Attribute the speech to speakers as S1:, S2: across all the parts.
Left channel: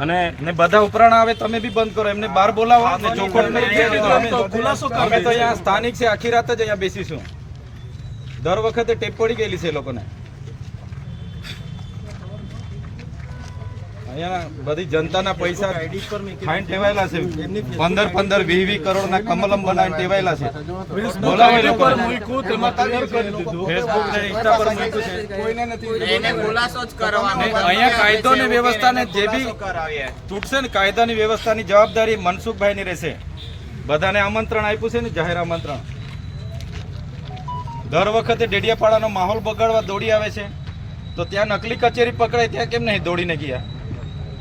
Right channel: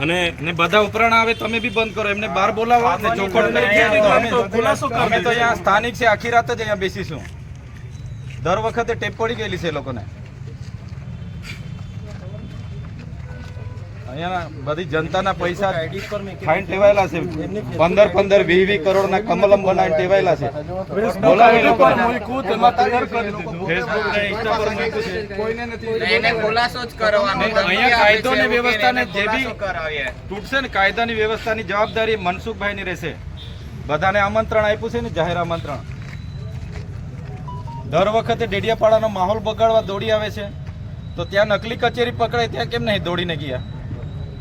S1: અને
S2: ને બધા ઉપરાણ આવે તમે બી બંધ કરો. એમને બહાર બોલાવો અમે તો અહીંયા સ્થાનિક છે આખી રાત જ અહીંયા બેસીશું. દર વખતે ટેપ પડી ગયેલી છે એ લોકોને. અહીંયા બધી જનતાના પૈસા ખાઈને ટેવાયેલા છે. પંદર પંદર વીસ વીસ કરોડના કમલમ બનાવીને ટેવાયેલા છે. બોલાવો એ લોકોને. ફેસબુક ને ઇન્સ્ટા પર મૂક્યું છે. કોઈને નથી
S3: એને ખુલાસો જ કરવાનો
S2: ને અહીંયા કાયદો વ્યવસ્થાને જે બી તૂટશે ને કાયદાની વ્યવસ્થાની જવાબદારી મનસુખભાઈની રહેશે. બધાને આમંત્રણ આપ્યું છે ને જાહેર આમંત્રણ. દર વખતે ડેડિયાપાડાનો માહોલ બગાડવા દોડી આવે છે. તો ત્યાં નકલી કચેરી પકડાય ત્યાં કેમ નહીં દોડીને ગયા?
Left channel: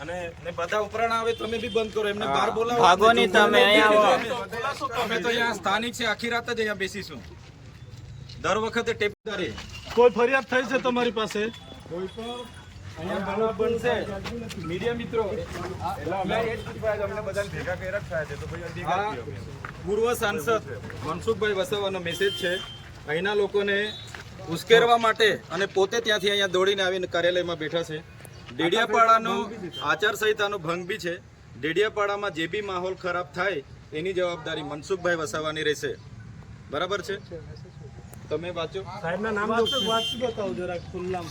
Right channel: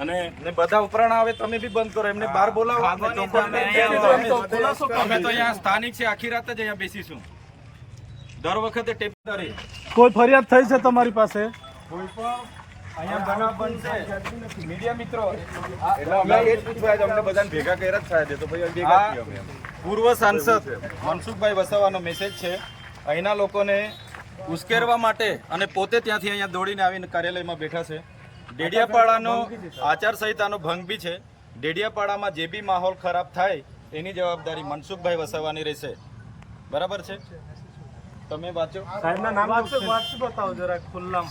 S1: અને
S2: ને બધા ઉપરાણ આવે તમે બી બંધ કરો એમને બહાર બોલાવો.
S3: ભાગવાની તમે
S2: નહીં
S3: અહીંયા
S2: અમે- તો અહીંયા સ્થાનિક છે આખી રાત જ અહીંયા બેસીશું. દર વખતે ટેપદારી
S4: કોઈ ફરિયાદ થઈ છે તમારી પાસે?
S2: કોઈ પણ અહીંયા બનાવ બનશે. મીડિયા મિત્રો બધાને ભેગા કર્યા જ થયા છે તો ભાઈ ભેગા થયા પૂર્વ સાંસદ મનસુખભાઈ વસાવાનો મેસેજ છે. અહીંના લોકોને ઉશ્કેરવા માટે અને પોતે ત્યાંથી અહીંયા દોડીને આવીને કાર્યાલયમાં બેઠા છે. ડેડિયાપાડાનો આચારસંહિતાનો ભંગ બી છે. ડેડિયાપાડામાં જે બી માહોલ ખરાબ થાય એની જવાબદારી મનસુખભાઈ વસાવાની રહેશે. બરાબર છે? તમે વાંચો.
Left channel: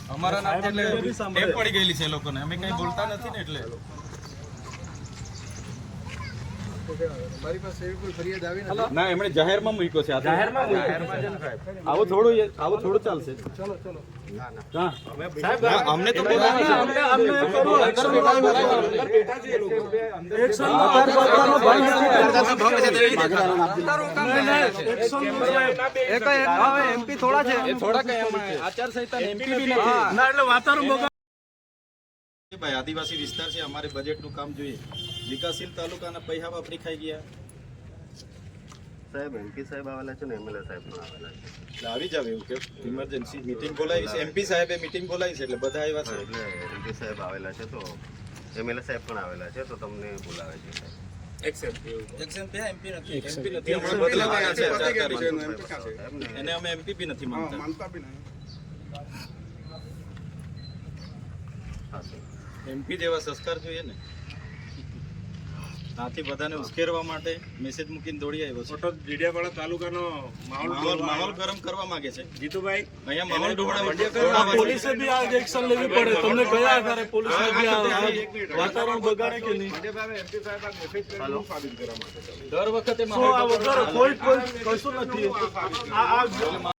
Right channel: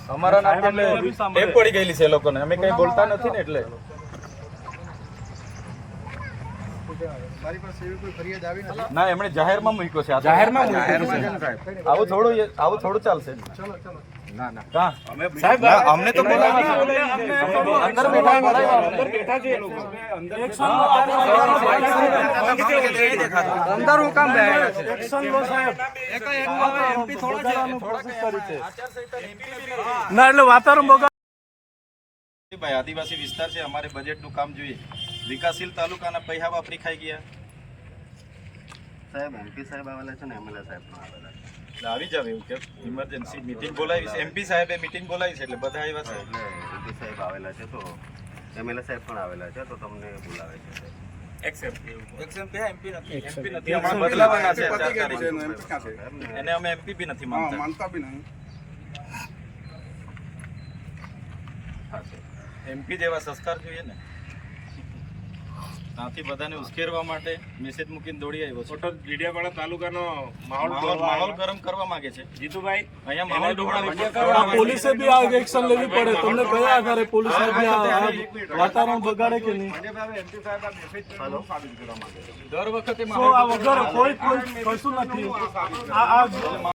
S2: અમારા નામ પડી ગયેલી છે એ લોકોને. અમે કઈ બોલતા નથી ને એટલે. ના એમણે જાહેરમાં મૂક્યો છે. જાહેરમાં આવું થોડું આવું થોડું ચાલશે. ચલો ચલો. ના ના. અમને તો
S4: એમપી થોડા છે. ના એટલે વાતાવરણ
S2: આદિવાસી વિસ્તાર છે. અમારે બજેટનું કામ જોઈએ. વિકાસશીલ તાલુકાના પૈસા વાપરી ખાઈ ગયા.
S5: સાહેબ એમપી સાહેબ આવેલા છે ને એમએલએ સાહેબ પણ આવેલા છે.
S2: એટલે આવી જાવ એવું કે ઇમરજન્સી મિટિંગ બોલાવી છે. એમપી સાહેબે મિટિંગ બોલાવી છે એટલે બધા આવ્યા છે.
S5: એમપી સાહેબ આવેલા છે તો એમએલએ સાહેબ પણ આવેલા છે તો તમને બોલાવે છે સાહેબ.
S2: એમપી નથી. હમણાં બદલાવાના છે ચાર તારીખે. એને અમે એમપી બી નથી માનતા.
S5: હા સાહેબ.
S2: એમપી જેવા સંસ્કાર જોઈએ ને. ત્યાંથી બધાને ઉશ્કેરવા માટે મેસેજ મૂકીને દોડી આવ્યો છે.
S1: ફોટો ડીડિયાપાડા તાલુકાનો માહોલ
S2: માહોલ. ગરમ કરવા માંગે છે.
S1: જીતુભાઈ
S2: અહીંયા માહોલ દોડાવવા
S4: પોલીસે બી આ એક્શન લેવી પડે. તમને કયા આધારે પોલીસ વાતાવરણ બગાડે કે નહીં?
S2: દર વખતે માહોલ
S4: કોઈ કોઈ કશું નથી. આ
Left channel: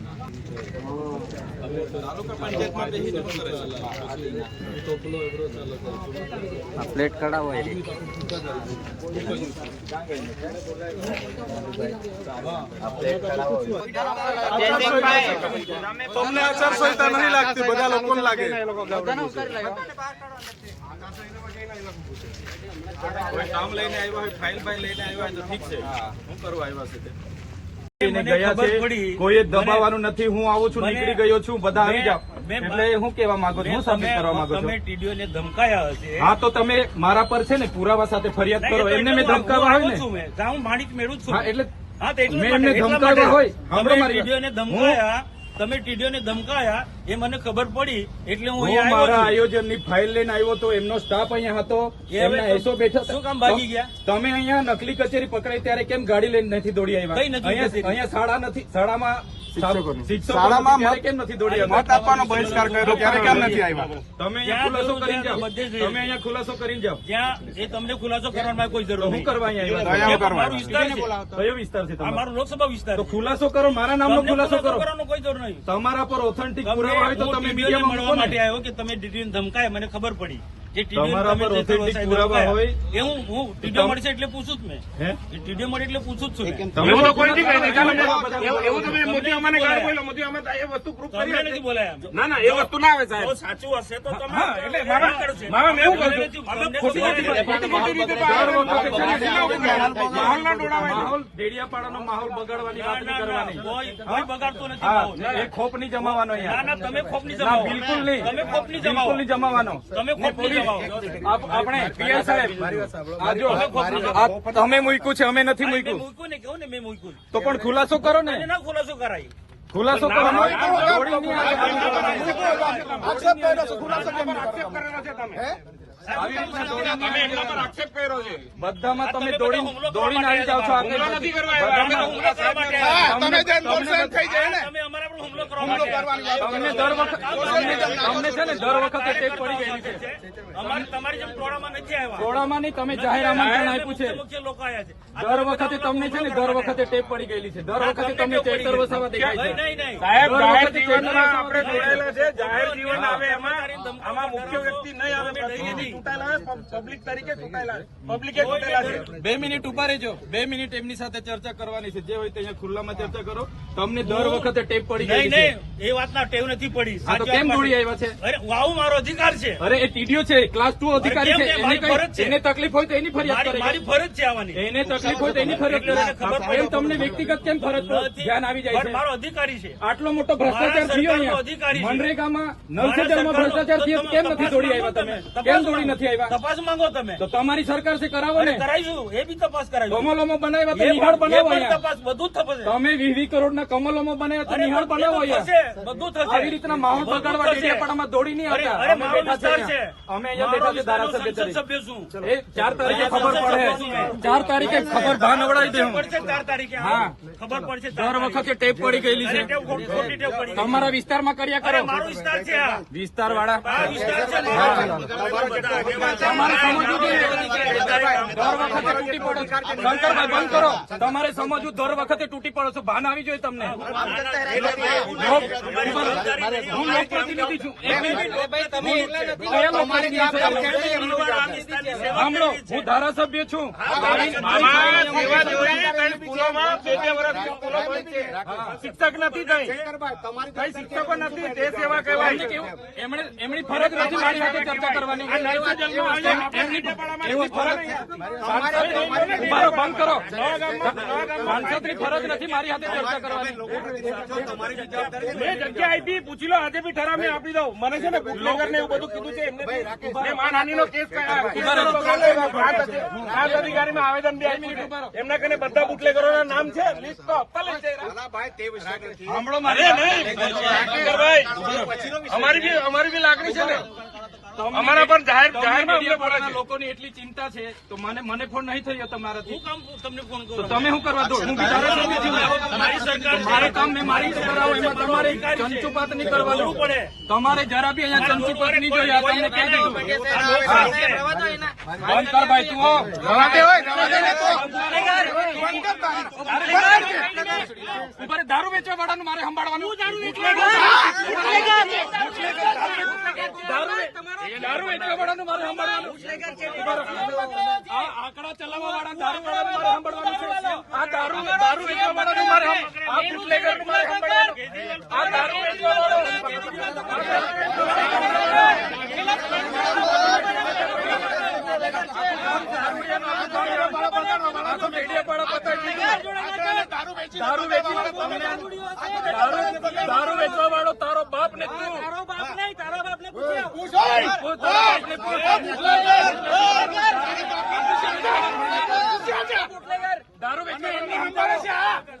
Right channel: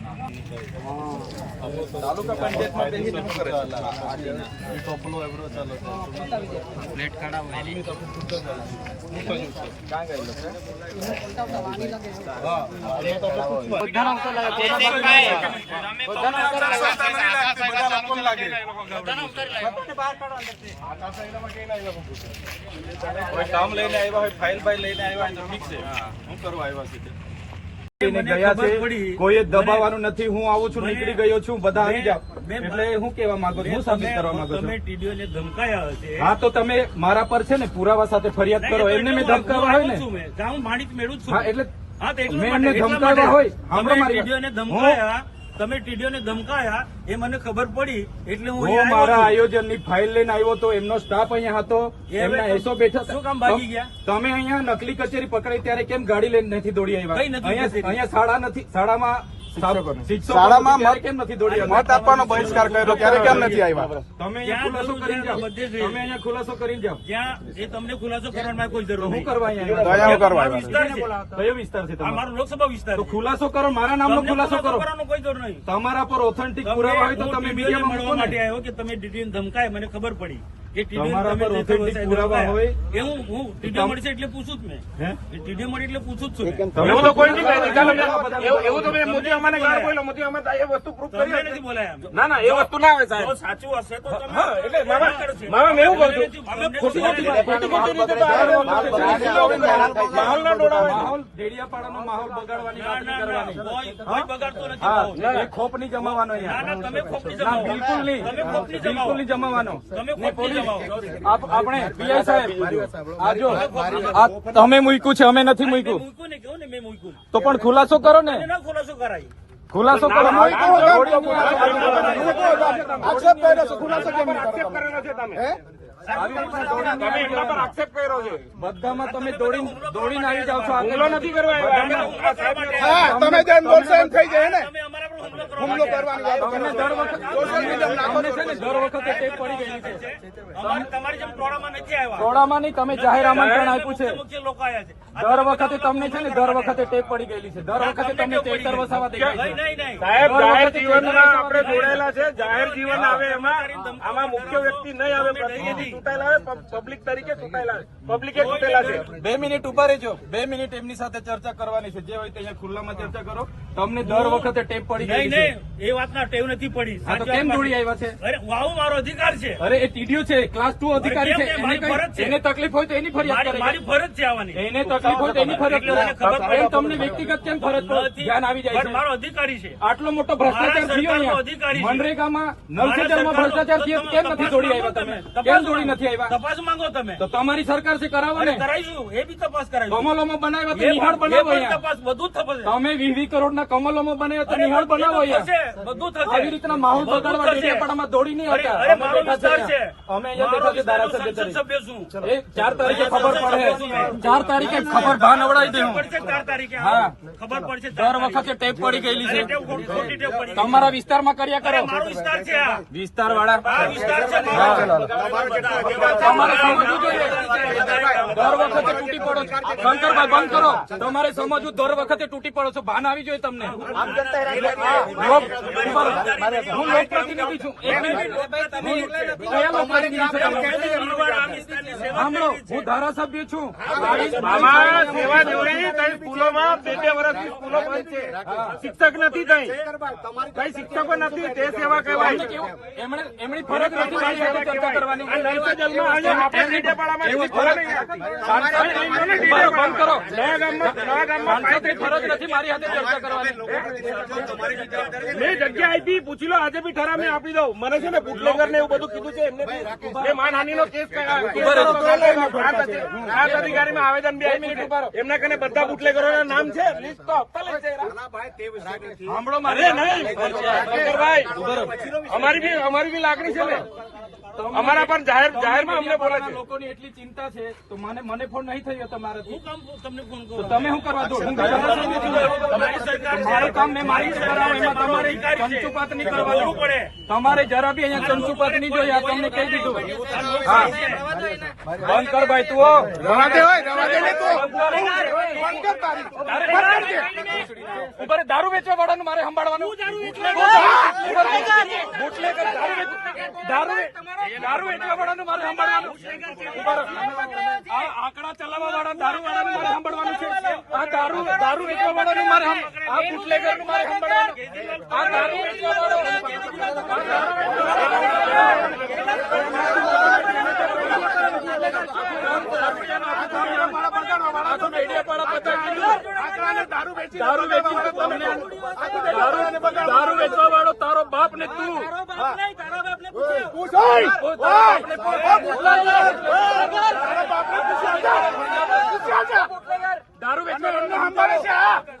S2: લાગે. કોઈ કામ લઈને આવ્યા હોય ફાઇલ ફાઇલ લઈને આવ્યા ઠીક છે શું કરવા આવ્યા છે ગયા છે કોઈએ દબાવવાનું નથી હું આવું છું નીકળી ગયો છું બધા આવી જાઓ. એટલે હું કેવા માંગુ છું હું સબમિટ કરવા માંગુ છું.
S6: ટીડીઓ ને ધમકાયા હશે.
S2: હા તો તમે મારા પર છે ને પુરાવા સાથે ફરિયાદ કરો. એમને મેં ધમકાવા હોય ને.
S6: હું માણિક મેળવું છું.
S2: હા એટલે
S6: હા તો
S2: મેં એમને ધમકાવ્યા હોય.
S6: તમે ધમકાયા. તમે ટીડીઓને ધમકાયા એ મને ખબર પડી એટલે હું
S2: મારા આયોજનની ફાઇલ લઈને આવ્યો હતો એમનો સ્ટાફ અહીંયા હતો એમના એસો બેઠા.
S6: શું કામ ભાગી ગયા?
S2: તમે અહીંયા નકલી કચેરી પકડાઈ ત્યારે કેમ ગાડી લઈને નથી દોડી આવ્યા? અહીંયા શાળા નથી શાળામાં શિક્ષકો ત્યારે કેમ નથી દોડી આવ્યા? તો ત્યારે કેમ નથી આવ્યા? તમે અહીંયા ખુલાસો કરીને જાઓ. તમે અહીંયા ખુલાસો કરીને જાઓ.
S6: જ્યાં એ તમને ખુલાસો કરવાની કોઈ જરૂર
S2: હું કરવા અહીંયા
S6: મારો વિસ્તાર છે.
S2: કયો વિસ્તાર છે તમારો?
S6: લોકસભા વિસ્તાર
S2: ખુલાસો કરો મારા નામનો ખુલાસો કરો.
S6: કરવાનો કોઈ જરૂર નહીં.
S2: તમારા પર ઓથેન્ટિક પુરાવા હોય તો તમે
S6: મીડિયા
S2: મીડિયામાં
S6: મળવા માટે આવ્યો કે તમે ટીડીઓને ધમકાય મને ખબર પડી. જે ટીડીઓને
S2: તમારા પર
S6: જે
S2: પુરાવા હોય.
S6: એ હું હું ટીડીઓ મળશે એટલે પૂછું જ મેં. ટીડીઓ મળે એટલે પૂછું જ છું
S2: તમે
S6: તો કોઈ
S2: નથી
S6: બોલાયા. ના ના એ વસ્તુ ના આવે સાહેબ. સાચું હશે તો તમે એટલે મામા કરશે. મામા એવું કહું ખોટી ખોટી રીતે
S2: દર વખતે છે ને માહોલનો ડોળાવે. માહોલ ડેડિયાપાડાનો માહોલ બગાડવાની વાત નહીં કરવાની.
S6: કોઈ બગાડતો નથી માહોલ.
S2: એ ખોપ નહીં જમાવાનો
S6: ના ના તમે ખોપની
S2: ના
S6: જમાવો.
S2: બિલકુલ નહીં.
S6: તમે ખોપની
S2: બિલકુલ
S6: જમાવો.
S2: નહીં જમાવાનો.
S6: તમે
S2: ને આપણે પીઆઈ સાહેબ આ જો તમે મૂક્યું છે અમે નથી મૂક્યું
S6: મૂક્યું ને કહું ને મેં મૂક્યું
S2: તો પણ ખુલાસો કરો ને
S6: ખુલાસો કરાય
S2: ખુલાસો કરો બધામાં તમે દોડી દોડીને આવી જાઓ છો આગળ. તમને તમને
S6: તમે અમારા પર હુમલો કરવા માટે આવ્યા.
S2: તમને દર વખત તમને છે ને દર વખતે ટેપ પડી ગયેલી છે.
S6: તમારી જેમ ટોળામાં નથી આવ્યા.
S2: ટોળામાં નહીં તમે જાહેર આમંત્રણ આપ્યું છે.
S6: મુખ્ય મુખ્ય લોકો આવ્યા છે.
S2: દર વખતે તમને છે ને દર વખતે ટેપ પડી ગયેલી છે. દર વખતે તમને ચેતર વસાવા દેખાય છે.
S6: નહીં નહીં
S2: દર વખતે ચેતર વસાવા દેખાય છે.
S6: જાહેર જીવન આવે એમાં આમાં મુખ્ય વ્યક્તિ નહીં આવે
S2: બે મિનિટ ઊભા રહેજો. બે મિનિટ એમની સાથે ચર્ચા કરવાની છે. જે હોય તે અહીંયા ખુલ્લામાં ચર્ચા કરો. તમને દર વખતે ટેપ પડી
S6: નહીં નહીં. એ વાતના ટેવ નથી પડી.
S2: તો કેમ દોડી આવ્યા છે?
S6: અરે વાવ મારો અધિકાર છે.
S2: અરે એ ટીડીઓ છે. ક્લાસ ટુ અધિકારી છે. એને
S6: ફરજ
S2: એને તકલીફ હોય તો એની ફરિયાદ
S6: મારી મારી ફરજ છે આવવાની.
S2: એને તકલીફ હોય તો એની ફરજ
S6: એટલે ખબર પડે.
S2: તમને વ્યક્તિગત કેમ ફરજ ધ્યાન આવી જાય છે.
S6: મારો અધિકારી છે.
S2: આટલો મોટો ભ્રષ્ટાચાર થયો અહીંયા. મનરેગામાં નલ
S6: મારા
S2: સે જલમાં
S6: સરકારનો-
S2: ભ્રષ્ટાચાર થયો. કેમ નથી દોડી આવ્યા તમે. કેમ દોડી
S6: માંગો.
S2: નથી આવ્યા.
S6: તપાસ માંગો તમે.
S2: તો તમારી સરકારથી કરાવો ને.
S6: કરાવીશું એ બી તપાસ કરાવીશું.
S2: કમલોમાં બનાવ્યા તો નિહાળ બનાવો
S6: તપાસ બધું થશે
S2: તમે વીસ વીસ કરોડ કરોડના કમલોમાં બનાવ્યા તો નિહાળ બનાવો
S6: બધું થશે.
S2: આવી રીતના માહોલ બગાડવા. ડેડિયાપાડામાં દોડી નહીં આવતા. અમે બેઠા છે. અમે અહીંયા બેઠા છે ધારાસભ્ય
S6: સભ્ય છું.
S2: એ ચાર તારીખે ખબર પડે. ચાર તારીખે ખબર ભાન અવડાવી દે
S6: ચાર તારીખે
S2: હા.
S6: ખબર પડશે ચાર
S2: દર વખતે ટેપ પડી ગયેલી છે. તમારા વિસ્તારમાં કર્યા કરે.
S6: મારો વિસ્તાર છે
S2: વિસ્તાર વાળા
S6: વિસ્તાર છે
S2: તમારે સમજવું દર વખતે તૂટી પડો છો ભાન આવી જોઈએ તમને હું સાંભળો હું ધારાસભ્ય છું.
S6: શિક્ષક નથી
S2: એમની ફરજ નથી મારી સાથે ચર્ચા કરવાની બંધ કરો સાંસદની ફરજ નથી મારી હાથે ચર્ચા કરવાની
S6: મેં જગ્યા આપી પૂછી લો આજે બી ઠરાવ આપી દઉં મને છે ને બુટલેગર ને એવું બધું કીધું છે એમને કેસ આવેદન બી કને બધા નામ છે.
S2: સાંભળો મારી
S6: અમારી બી લાગણી છે અમારા પર જાહેર
S2: તમને
S6: જાહેરમાં અમને બોલે
S2: મીડિયાવાળાના
S6: છે.
S2: લોકોની એટલી ચિંતા છે તો મને મને ફોન નહીં થયો તમારાથી.
S6: હું તમને ફોન
S2: તો તમે શું કરવા દો હું
S6: સરકાર.
S2: કામ મેં મારી કરાવું એમાં તમારે ચંચુપાત નહીં કરવાનું
S6: કરવું પડે.
S2: તમારે જરા બી અહીંયા ચંચુપાત નહીં જોઈએ આ તમને કહી દીધું. બંધ કર ભાઈ તું રહે, દારૂ વેચવા વાળાનું મારે સંભાળવાનું. દારૂ દારૂ વેચવા વાળાનું મારે સંભાળવાનું. આ આંકડા ચલાવવા વાળા દારૂ વાળાનું મારે સંભાળવાનું છે. આ દારૂ દારૂ વેચવા વાળાનું મારે દારૂ વેચી દારૂ દારૂ વેચવા વાળો તારો બાપ ને તું તારો બાપ નહીં તારો બાપ ને દારૂ વેચવા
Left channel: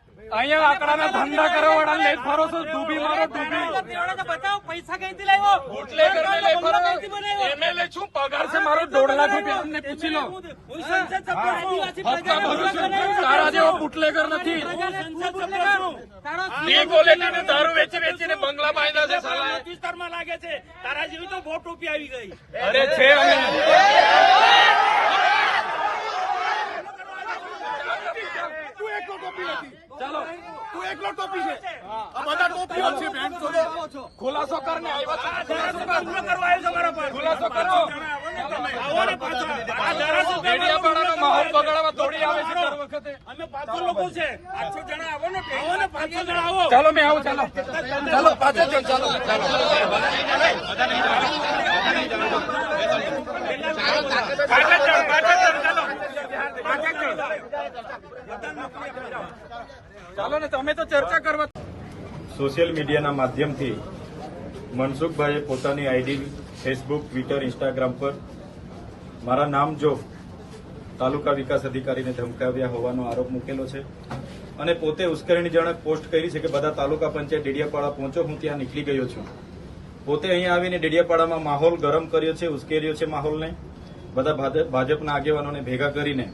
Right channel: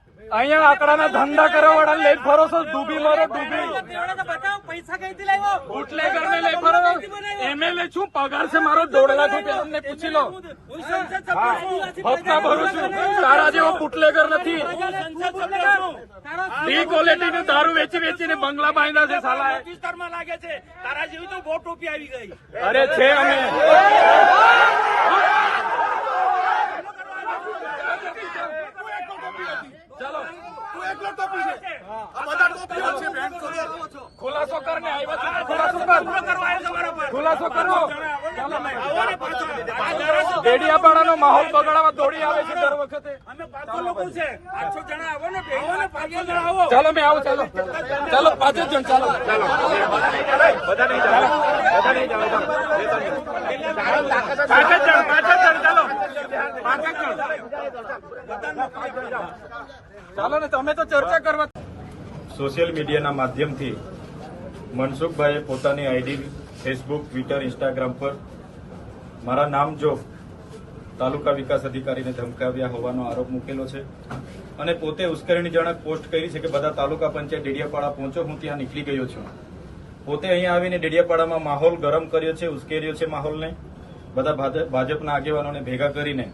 S2: અહીંયા આંકડાના ધંધા કરવા વાળા લઈ ફરો છો ડૂબી મરો ડૂબી.
S3: પૈસા કઈથી લાવ્યો?
S2: છો. એમએલએ શું પગાર છે મારો દોઢ લાખ રૂપિયા તમને પૂછી લો. ભરું છું. તારા જેવો બુટલેગર નથી. ડી ક્વોલિટી નો દારૂ વેચી વેચીને બંગલા બાંધ્યા છે સાલા.
S6: વિસ્તારમાં લાગે છે. તારા જેવી તો બહુ ટોપી આવી ગઈ.
S2: અરે છે અમે ખુલાસો કરને આવ્યા છે ખુલાસો કર
S6: હુમલો કરવા આવ્યો છે મારા પર
S2: ખુલાસો કરો
S6: આવો ને પાછો આ ધારાસભ્ય
S2: ડેડિયાપાડાનો માહોલ બગાડવા દોડી આવે છે વખતે
S6: અમે પાંચસો લોકો છે પાંચસો જણા આવો ને આવો ને પાંચસો જણા આવો
S2: ચાલો મેં આવો ચાલો ચાલો ચાલો
S6: પાંચે જણ ચાલો પાંચે જણ
S2: ચાલો ને, તમે તો ચર્ચા કરવા સોશિયલ મીડિયાના માધ્યમથી મનસુખભાઈએ પોતાની આઈડી, ફેસબુક, ટ્વિટર, ઇન્સ્ટાગ્રામ પર મારા નામ જો તાલુકા વિકાસ અધિકારીને ધમકાવ્યા હોવાનો આરોપ મૂકેલો છે. અને પોતે ઉશ્કેરણીજનક પોસ્ટ કરી છે કે બધા તાલુકા પંચાયત ડેડિયાપાડા પહોંચો, હું ત્યાં નીકળી ગયો છું. પોતે અહીંયા આવીને ડેડિયાપાડામાં માહોલ ગરમ કર્યો છે, ઉશ્કેર્યો છે માહોલને. બધા ભાજપ- ભાજપના આગેવાનોને ભેગા કરીને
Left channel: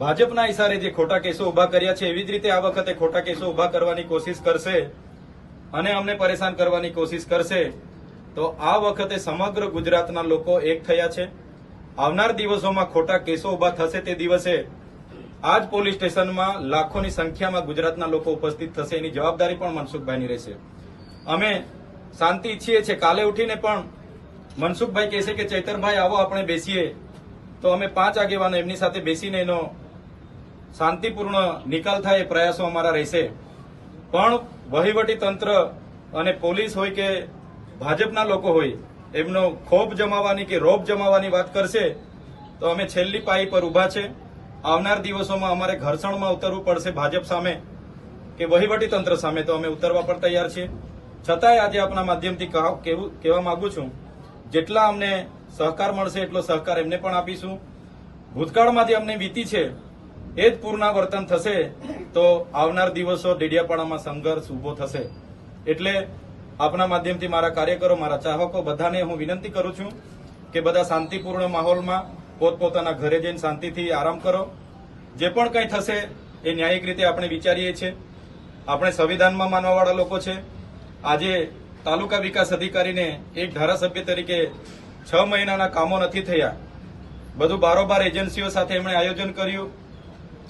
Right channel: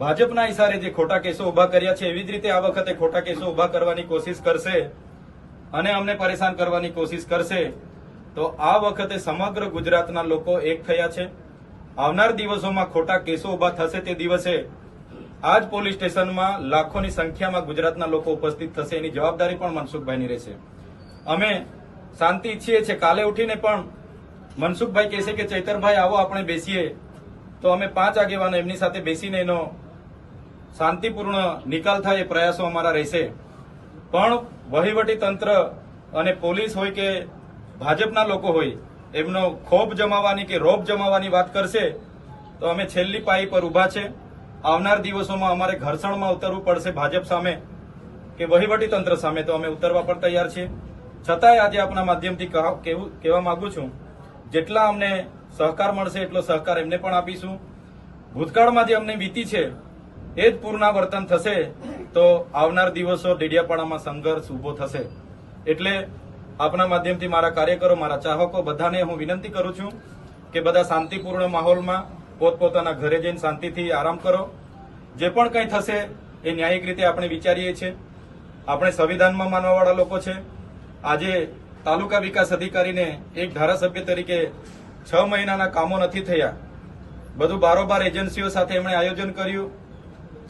S2: ભાજપના ઇશારે જે ખોટા કેસો ઊભા કર્યા છે, એવી જ રીતે આ વખતે ખોટા કેસો ઊભા કરવાની કોશિશ કરશે અને અમને પરેશાન કરવાની કોશિશ કરશે, તો આ વખતે સમગ્ર ગુજરાતના લોકો એક થયા છે. આવનાર દિવસોમાં ખોટા કેસો ઊભા થશે તે દિવસે આ જ પોલીસ સ્ટેશનમાં લાખોની સંખ્યામાં ગુજરાતના લોકો ઉપસ્થિત થશે. એની જવાબદારી પણ મનસુખભાઈની રહેશે. અમે શાંતિ ઈચ્છીએ છીએ. કાલે ઉઠીને પણ મનસુખભાઈ કહેશે કે, ચૈતરભાઈ, આવો, આપણે બેસીએ. તો અમે પાંચ આગેવાનો એમની સાથે બેસીને એનો શાંતિપૂર્ણ નિકાલ થાય એ પ્રયાસો અમારા રહેશે. પણ વહીવટી તંત્ર અને પોલીસ હોય કે ભાજપના લોકો હોય, એમનો ખોફ જમાવવાની કે રોપ જમાવવાની વાત કરશે, તો અમે છેલ્લી પાઈ પર ઊભા છે. આવનાર દિવસોમાં અમારે ઘર્ષણમાં ઉતરવું પડશે ભાજપ સામે કે વહીવટી તંત્ર સામે, તો અમે ઉતરવા પણ તૈયાર છીએ. છતાંય આજે આપના માધ્યમથી કહેવા માંગુ છું, જેટલા અમને સહકાર મળશે એટલો સહકાર એમને પણ આપીશું. ભૂતકાળમાં જે અમને વીતી છે એ જ પુનરાવર્તન થશે તો આવનાર દિવસો ડેડિયાપાડામાં સંઘર્ષ ઊભો થશે. એટલે આપના માધ્યમથી મારા કાર્યકરો, મારા ચાહકો, બધાને હું વિનંતી કરું છું કે બધા શાંતિપૂર્ણ માહોલમાં પોતપોતાના ઘરે જઈને શાંતિથી આરામ કરો. જે પણ કંઈ થશે એ ન્યાયિક રીતે આપણે વિચારીએ છીએ. આપણે સંવિધાનમાં માનવાવાળા લોકો છે. આજે તાલુકા વિકાસ અધિકારીને એક ધારાસભ્ય તરીકે છ મહિનાના કામો નથી થયા. બધું બારોબાર એજન્સીઓ સાથે એમણે આયોજન કર્યું.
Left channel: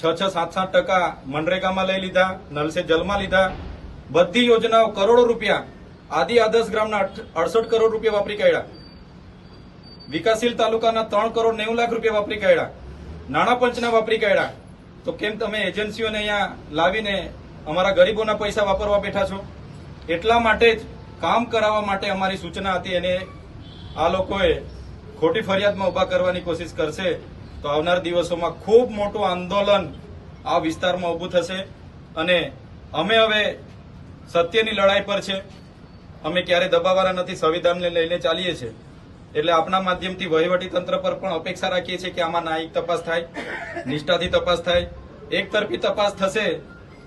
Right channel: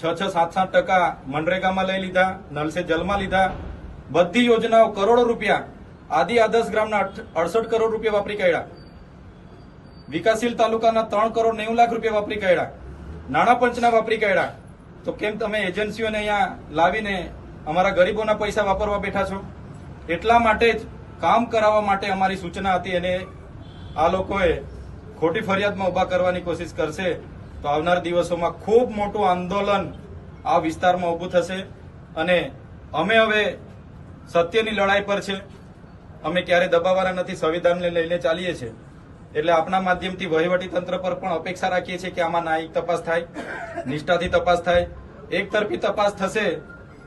S2: છ છ સાત સાત ટકા મનરેગામાં લઈ લીધા, નલસે જલમાં લીધા. બધી યોજનાઓ કરોડો રૂપિયા, આદિ આદર્શ ગ્રામના અડસઠ કરોડ રૂપિયા વાપરી કાઢ્યા. વિકાસશીલ તાલુકાના ત્રણ કરોડ નેવું લાખ રૂપિયા વાપરી કાઢ્યા. નાણાં પંચના વાપરી કાઢ્યા. તો કેમ તમે એજન્સીઓને અહીંયા લાવીને અમારા ગરીબોના પૈસા વાપરવા બેઠા છો? એટલા માટે જ કામ કરાવવા માટે અમારી સૂચના હતી. અને આ લોકોએ ખોટી ફરિયાદમાં ઊભા કરવાની કોશિશ કરશે. તો આવનાર દિવસોમાં ખૂબ મોટું આંદોલન આ વિસ્તારમાં ઊભું થશે. અને અમે હવે સત્યની લડાઈ પર છે. અમે ક્યારે દબાવવાના નથી, સંવિધાનને લઈને ચાલીએ છીએ. એટલે આપણા માધ્યમથી વહીવટી તંત્ર પર પણ અપેક્ષા રાખીએ છીએ કે આમાં ન્યાયિક તપાસ થાય, નિષ્ઠાથી તપાસ થાય. એક તરફી તપાસ થશે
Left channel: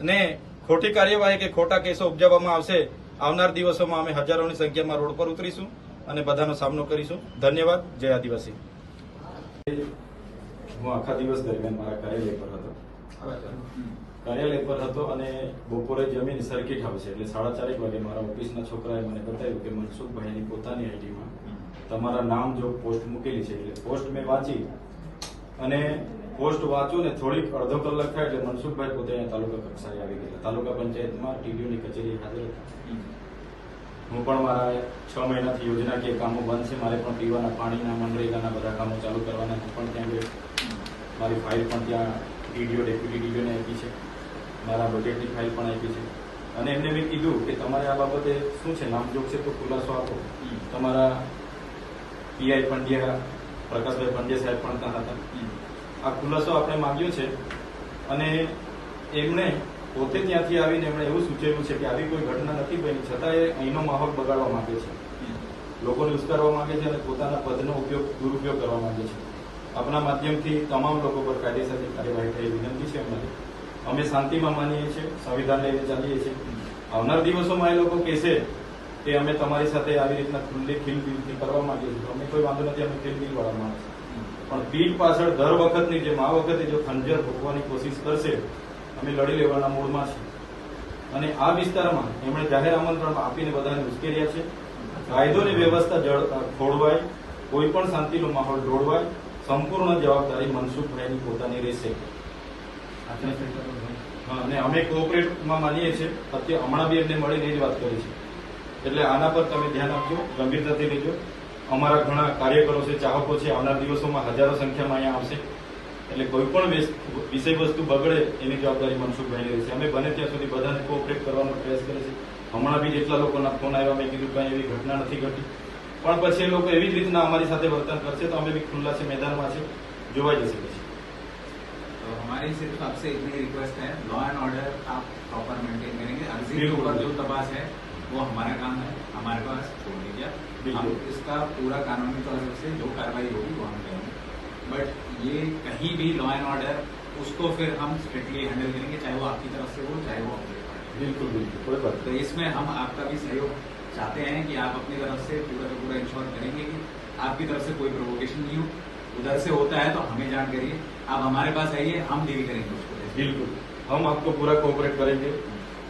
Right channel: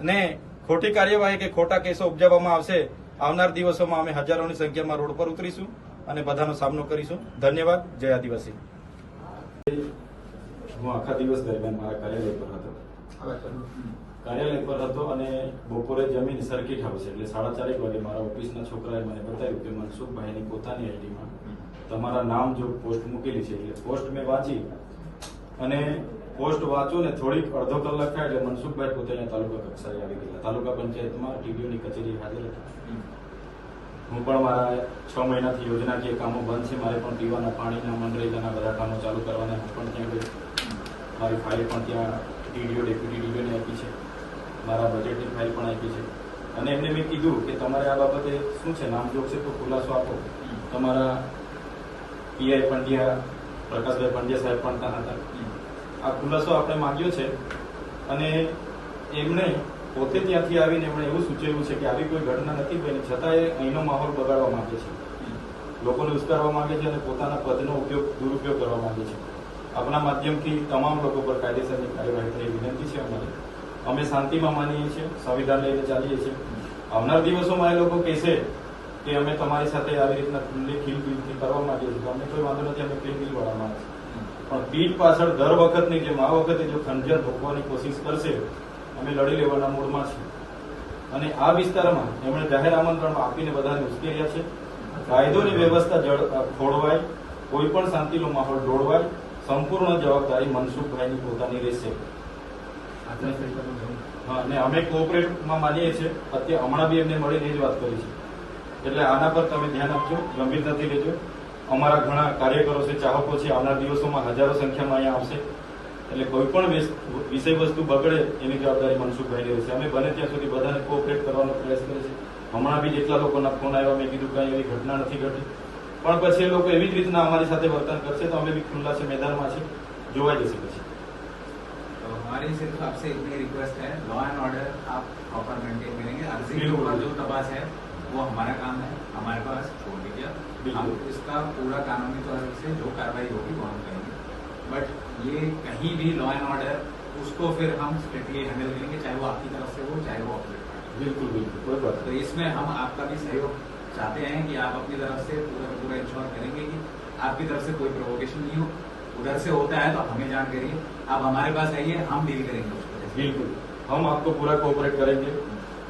S2: ને ખોટી કાર્યવાહી કે ખોટા કેસો ઉપજાવવામાં આવશે, આવનાર દિવસોમાં અમે હજારોની સંખ્યામાં રોડ પર ઉતરીશું અને બધાનો સામનો કરીશું. ધન્યવાદ. જય આદિવાસી. હું આખા દિવસ દરમિયાન મારા કાર્યાલય પર હતો. કાર્યાલય પર હતો અને બપોરે જમીન સર્કિટ હાઉસ એટલે સાડા ચારેક વાગે મારા ઓફિસના છોકરાએ મને બતાવ્યું કે મનસુખભાઈની પોતાની આઈડીમાં તમારા નામ જો પોસ્ટ મૂકેલી છે એટલે પોસ્ટ મેં વાંચી અને પોસ્ટ વાંચો ને થોડીક અડધો કલાક થાય એટલે મનસુખભાઈ પોતે અહીંયા તાલુકા કક્ષાએ આવી ગયા તાલુકા પંચાયતમાં ટીડીઓની કચેરી હાજર હતી. હું પણ મારા છ મહિનાથી યોજનાકીય કામો બંધ છે. મારે પણ પીવાના પાણીના મનરેગાના બધા કામો ચાલુ કરવાના પણ ત્યાં ગયો. મારી ફાઇલ પણ ત્યાં ડીડીઓ ડેપ્યુટી ડીડીઓને આપી છે. મારા બજેટની ફાઇલ પણ આપી છે. અને એમને મેં કીધું કે તમારે આ બાબતે શું છે? નામજોગ છે તો ખુલાસો આપો. તમારા પીઆઈ પંડ્યા પ્રકાશભાઈ પંડ્યા સાહેબ પણ ત્યાં હતા. આ ખુલાસો આપણે માંગ્યો છે. અને એમણે પોતે ત્યાંથી આવીને એમણે એવું સૂચવ્યું છે કે આવી કોઈ ઘટના નથી બની. છતાં એ અહીંનો માહોલ બગાડવા માંગે છે. લોકોને ઉશ્કારવા માંગે છે અને પોતાના પદનો ઉપયોગ દુરુપયોગ કરવા માંગે છે. આપણા માધ્યમથી તમામ લોકો પર કાયદેસરની કાર્યવાહી થઈ વિનંતી છે અમારી. અમે શાંતિમાં માનીએ છીએ, સંવિધાન લઈને ચાલીએ છીએ. આવનાર દિવસોમાં એ લોકો કહેશે કે અમે તમારી સાથે આવી રીતના ખુલ્લી ખીલબીલથી કરવા માંગીએ છીએ. અમને કોઈ વાંધો નથી, અમે ખીલબીલ વાળા માણસ પણ પીઠ પાછળ દર વખતની જેમ, આ વખતે જો ખંજર ભોગવાની કોશિશ કરશે, અમે લડી લેવાના મૂડમાં છીએ. અને આ વિસ્તારમાં એમણે જાહેર આમંત્રણ આપીને બધાને ઉશ્કેર્યા છે. કાયદોની વ્યવસ્થા જળ ખોળવાય, કોઈ પણ શાંતિનો માહોલ દોડવાય સંપૂર્ણ જવાબદારી મનસુખભાઈની પોતાની રહેશે. હા, અને અમે કોઓપરેટમાં માનીએ છીએ અત્યારે હમણાં બી એમને મળીને એ જ વાત કરી છે. એટલે આના પર તમે ધ્યાન આપજો ગંભીરતાથી લેજો અમારા ઘણા કાર્યકરો છે ચાહકો છે આવનાર દિવસોમાં હજારો સંખ્યામાં અહીંયા આવશે. એટલે કોઈ પણ વિષય વસ્તુ બગડે એની જવાબદારી મનસુખભાઈ રહેશે અમે બને ત્યાં સુધી બધાને કોઓપરેટ કરવાનો પ્રયાસ કરે છે. હમણાં બી જેટલા લોકોના ફોન આવ્યા મેં કીધું કઈ એવી ઘટના નથી ઘટી. પણ પછી એ લોકો એવી જ રીતના અમારી સાથે વર્તન કરશે તો અમે બી ખુલ્લા છે મેદાનમાં છે જોવાઈ જશે પછી
S3: तो हमारी सिर्फ आपसे इतनी रिक्वेस्ट है लॉ एंड ऑर्डर आप प्रॉपर मेंटेन करेंगे अर्जी के
S2: बिल्कुल।
S3: ऊपर जो तपास है वो हमारा काम है हमारे पास छोड़ दीजिए
S2: बिल्कुल।
S3: हम इसका पूरा कानूनी तौर से जो कार्रवाई होगी वो हम करेंगे बट ये कहीं भी लॉ एंड ऑर्डर उसको फिर हम स्ट्रिक्टली हैंडल करेंगे चाहे वो आपकी तरफ से हो चाहे वो ऑपोजिट पार्टी
S2: બિલકુલ બિલકુલ કોઈ બાત
S3: तो इसमें हम आपका भी सहयोग चाहते हैं कि आप अपनी तरफ़ से पूरा का पूरा इंश्योर करेंगे कि आपकी तरफ़ से कोई प्रोवोकेशन नहीं हो। उधर से होता है तो हमें जान करिए। आप हमारे पास आइए हम डील करेंगे उसको।
S2: बिल्कुल। हम आपको पूरा कोऑपरेट करेंगे।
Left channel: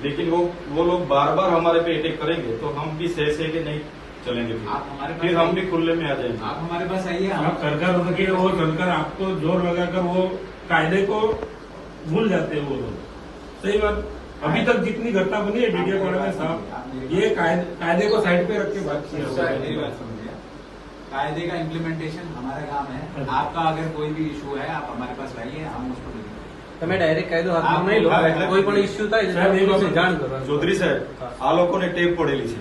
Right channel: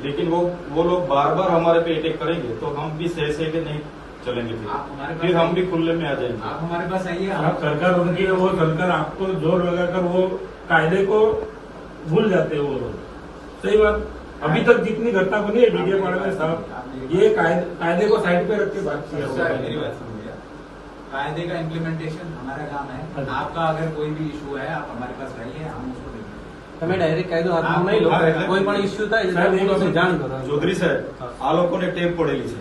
S2: लेकिन वो वो लोग बार बार हमारे पे अटैक करेंगे तो हम भी सह सह के नहीं चलेंगे फिर
S3: आप हमारे
S2: फिर हम भी खुले में आ जाएँगे।
S3: आप हमारे पास आइए
S6: आप
S3: हम
S6: कर उनके वो सरकार आपको ज़ोर लगाकर वो कायदे को भूल जाते हैं वो लोग। सही बात। अभी तक जितनी घटना बनी है डीडीए पाड़ा में साहब ये कायदे कायदे को साइड पे रख के बात किया हुआ है।
S3: मेरी बात सुनिए कायदे का इम्प्लीमेंटेशन हमारा काम है
S6: अच्छा।
S3: आपका अगर कोई भी इशू है आप हमारे पास आइए हम उसको देखेंगे
S7: તમે ડાયરેક્ટ કાયદો હાથમાં
S3: આપ-
S7: નહીં લો
S2: હા, એટલે-
S7: કોઈ પણ ઇસ્યુ થાય
S6: સાહેબ, એ
S7: એટલે પોલીસને
S6: બાબત-
S7: જાણ કરો
S2: ચૌધરી સાહેબ આ લોકોને ટેપ પડેલી છે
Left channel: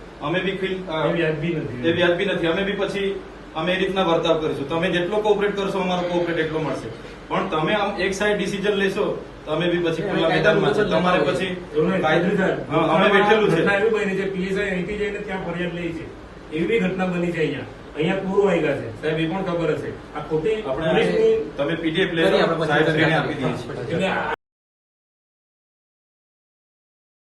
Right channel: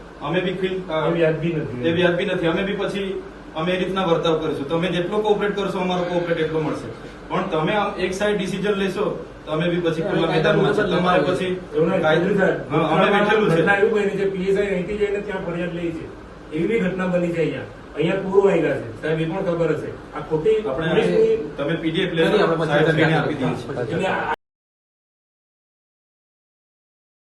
S2: અમે બી
S6: વ્યાજબી નથી
S2: એ વ્યાજબી નથી અમે બી પછી અમે એ રીતના વર્તાવ કરીશું. તમે જેટલો કોઓપરેટ કરશો અમારો કોઓપરેટ એટલો મળશે. પણ તમે આમ એક સાઈડ ડિસિઝન લેશો તમે બી પછી ખુલ્લા મેદાનમાં છે તમારે પછી અમે બેઠેલું છે.
S6: એવું બની છે પીએસઆઈ એન્ટી જઈને ત્યાં ફરિયાદ લઈ છે.
S1: એવી બી ઘટના બની છે અહીંયા. અહીંયા પૂરો વાગ્યા છે. સાહેબ એ પણ ખબર હશે. આ ખોટી
S2: આપણે તમે પીડીએફ
S7: કરી
S2: સાહેબ આપી
S1: દીધી આ